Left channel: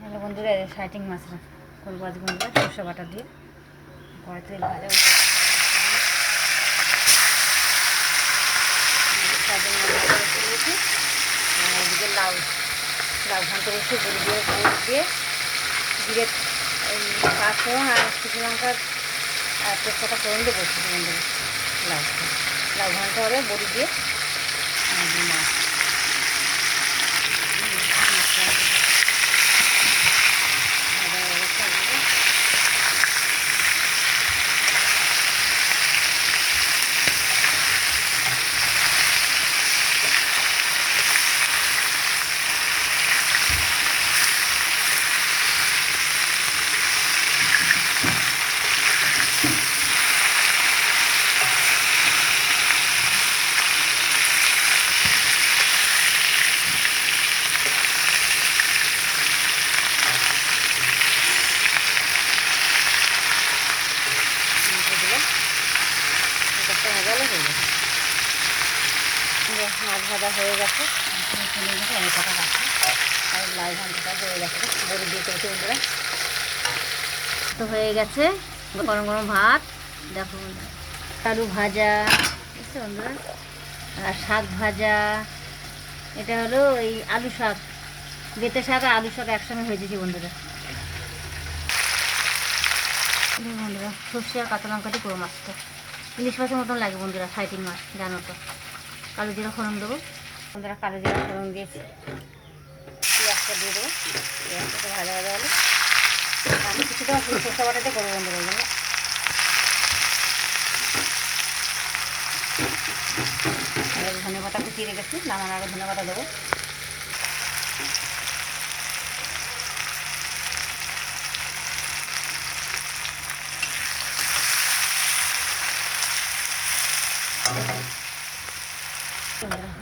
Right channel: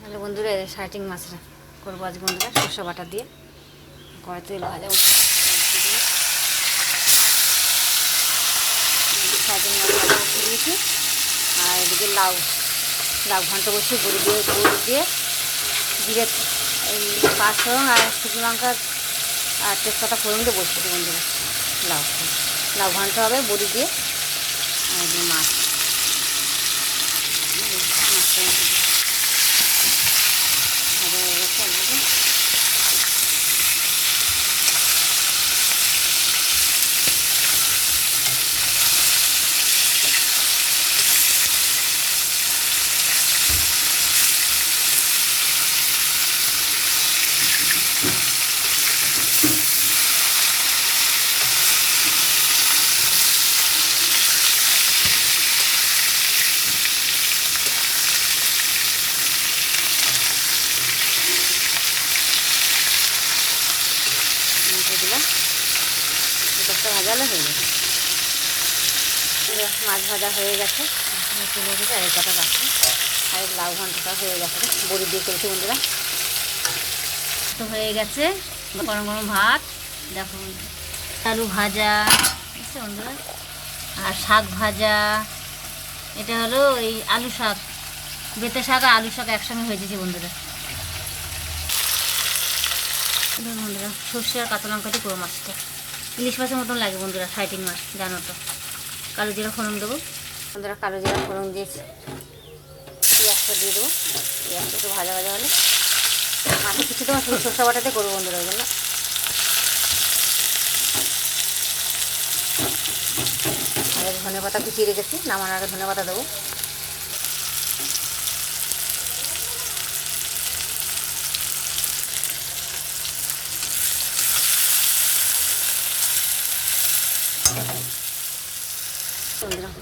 Hello বন্ধুরা, citing মাছ করবো আজ বন্ধুরা সরষে বাটা দিয়ে। কড়াই তেল ভাজা সাইটিং মাছ বসিয়ে দিয়েছি। আর এদিকে লাউ ঘন্ট বসিয়ে গুঁড়ি দিয়ে জিরে পাঁচফোড়ন আর শুকনো লঙ্কা আর তেজপাতা ফোড়ন দিয়ে বসিয়েছি বন্ধুরা। লাউ ঘন্ট হবে বড়ি দিয়ে মাছ। ভাজালে হয়ে গেছে, মাছ ভাজা হয়ে গেছে। আর কটা রাখি আর লাউ ঘন্টটা হয়ে গেছে, বড়ি দিয়ে করেছি বন্ধুরা। তো হয়ে গেছে গরম গরম ভাত। দেখো বন্ধুরা, আলু ভাজা বুঝছে বন্ধুরা, আর শাক ভাজা। এটা হলো এই আলু শাক, বেতে শাক আর আলু শাক একসঙ্গে হয়ে যেছে বন্ধুরা। বন্ধুরা সর্ষে আর কাঁচা লঙ্কা দিয়ে পুরো মাছটা ইলিশ মাছের মতন লাগে বন্ধুরা। সাইটিং মাছ জানো তো। কালো জিরা ফোড়ন দেবো বন্ধুরা, কালো জিরা ফোড়ন দিয়েছি। পেঁয়াজটা দিয়ে দেবো, পেঁয়াজটা একটু ভাজা হলে মাছের কিছু তো সরষে বাটাতে করবো বন্ধুরা। ওই জন্য ধনে পাতা কুচিয়ে রেখেছি, নামানোর আগে ধনে পাতা দেবো।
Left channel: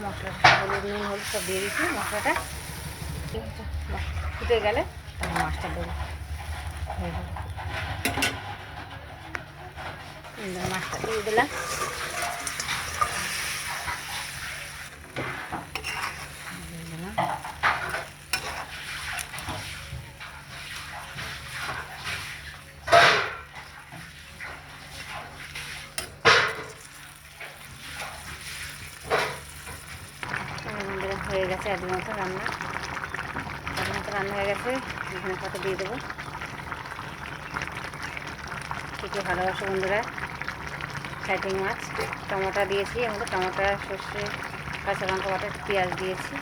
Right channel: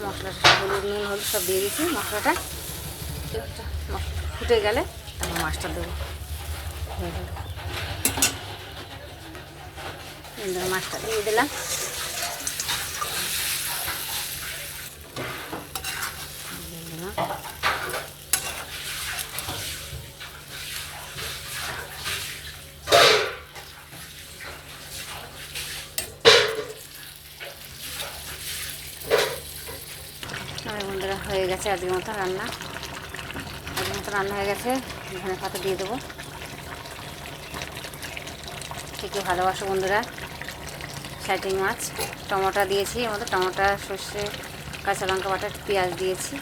মশলাটা হলুদ নুন হলুদ সব দিয়ে দিচ্ছি। মশলাটা ফুটে গেলে তারপর মাছটা দেবো। মাছটা দিয়ে দিলাম। হয়ে গেছে আজকের মতো রান্না হয়ে গেছে। ধনে পাতা দিয়ে দেবো। ঠিকই ভালোবাসো বন্ধুরা। সাইটিং মাছ টমেটো দিয়েছি, আমাদের টমেটো সর্ষে কাঁচা লঙ্কা বাটা পেঁয়াজ দিয়েছি,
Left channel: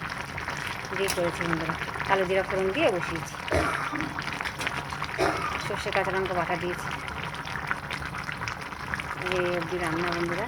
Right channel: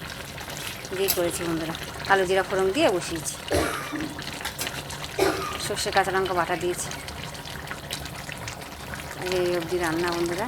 দিয়ে করেছি বন্ধুরা। কালো জিরা ফোড়ন দিয়ে বসিয়েছি, সর্ষে কাঁচা লঙ্কা বাটা দিয়েছি। এই অবধি রান্না বন্ধুরা।